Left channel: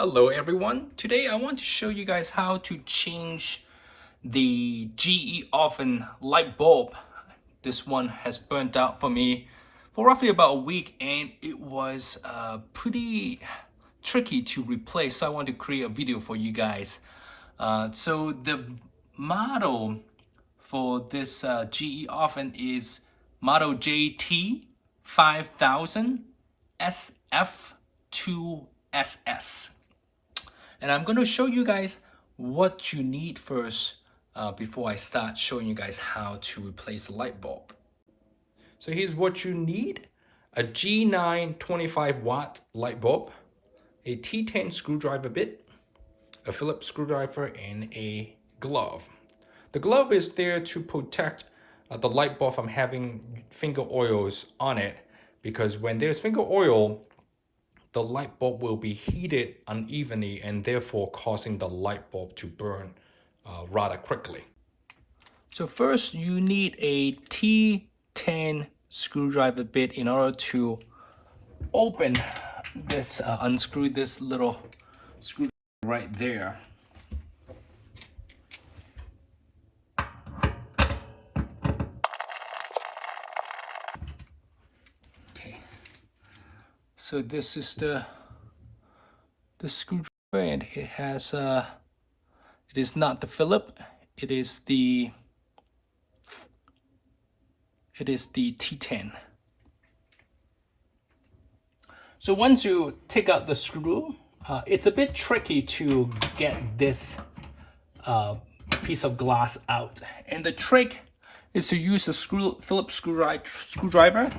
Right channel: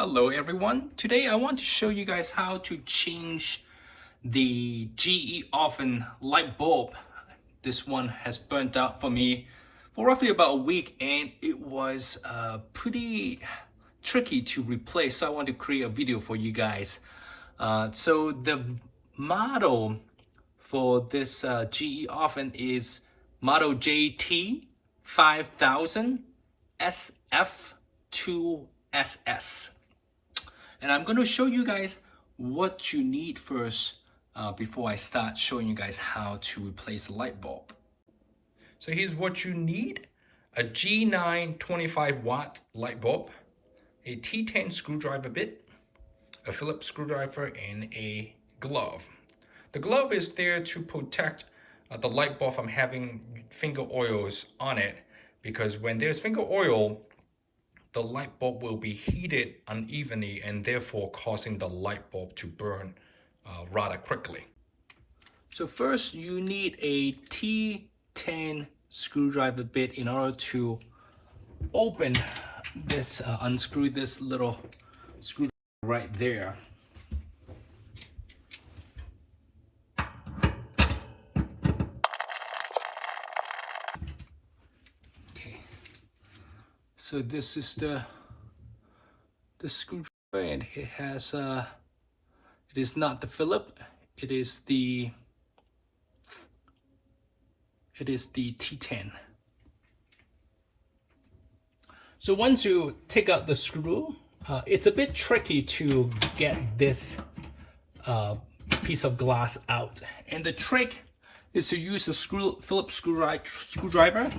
Hello everyone. Today I want to show you guys how to change the GE oven light bulb. This one has burnt out for me for roughly about a week and it was pretty tricky to replace, so I want to create a video for you guys. So the model for this GE oven is model JT5000SF2SS. And I'm going to show you guys what you need first before I start showing you guys how to replace the light bulb. So here's what you need: a G9 25 watt light bulb, a T10 screwdriver bit, a Phillips screwdriver, and a glove. The glove is there to protect the light bulb from having finger oils on it, because when there's finger oil, the light bulb will be heated unevenly and therefore causing the light bulb to burn rather quickly. So first you need a T10 screwdriver bit in order to open this, unscrew this little screwdriver right there. So this is the screwdriver, and it has it is not the Phillips, it is the T10. So once you take out the screw, it's a bit tricky to get this piece of glass out, and the trick is to use a Phillips screwdriver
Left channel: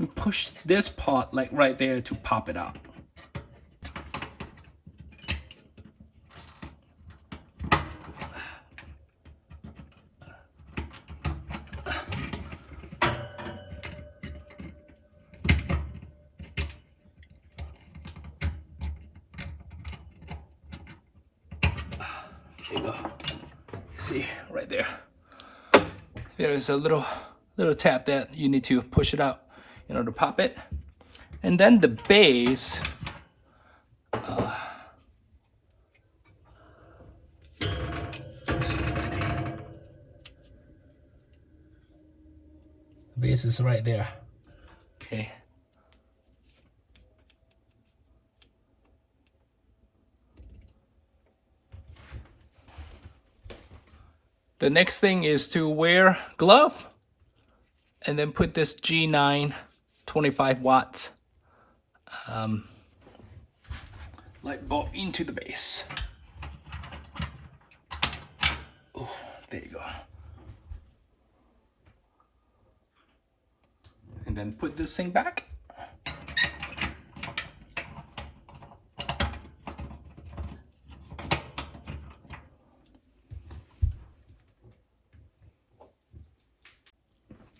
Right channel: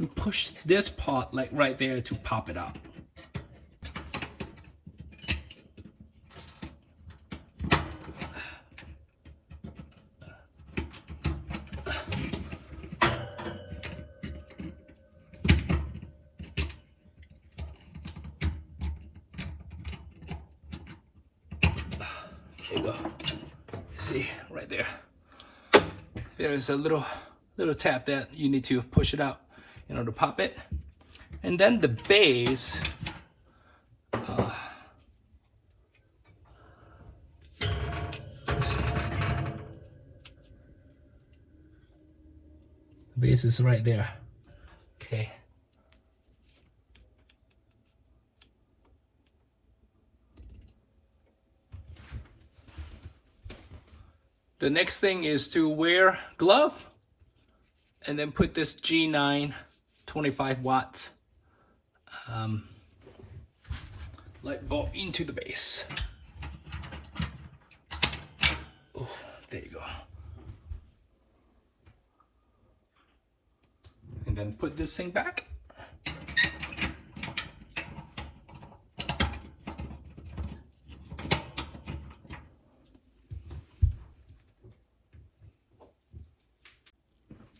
and push this part like right there to pop it out. There you go. See, right there. There is a little tap that you need to push it out in order to pop it. And then the base, the base is right there. Okay. The next thing is to wear glove and then put this G9 25 watts light bulb into the base. Oh, there you go. And then put this thing back.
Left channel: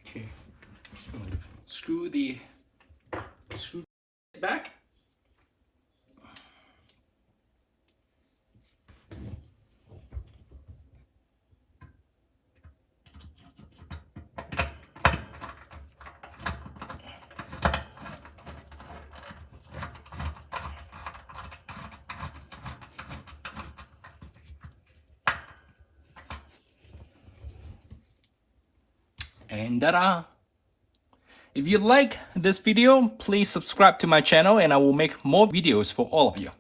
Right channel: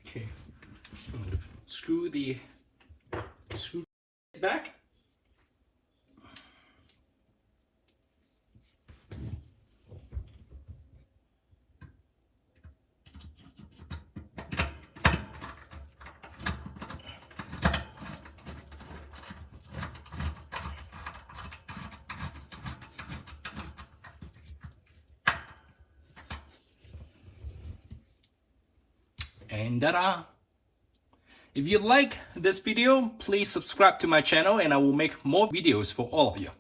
Okay. Screw the screw back. And ta-da! If you like this video, please subscribe to my channel and I will make more videos for all of you.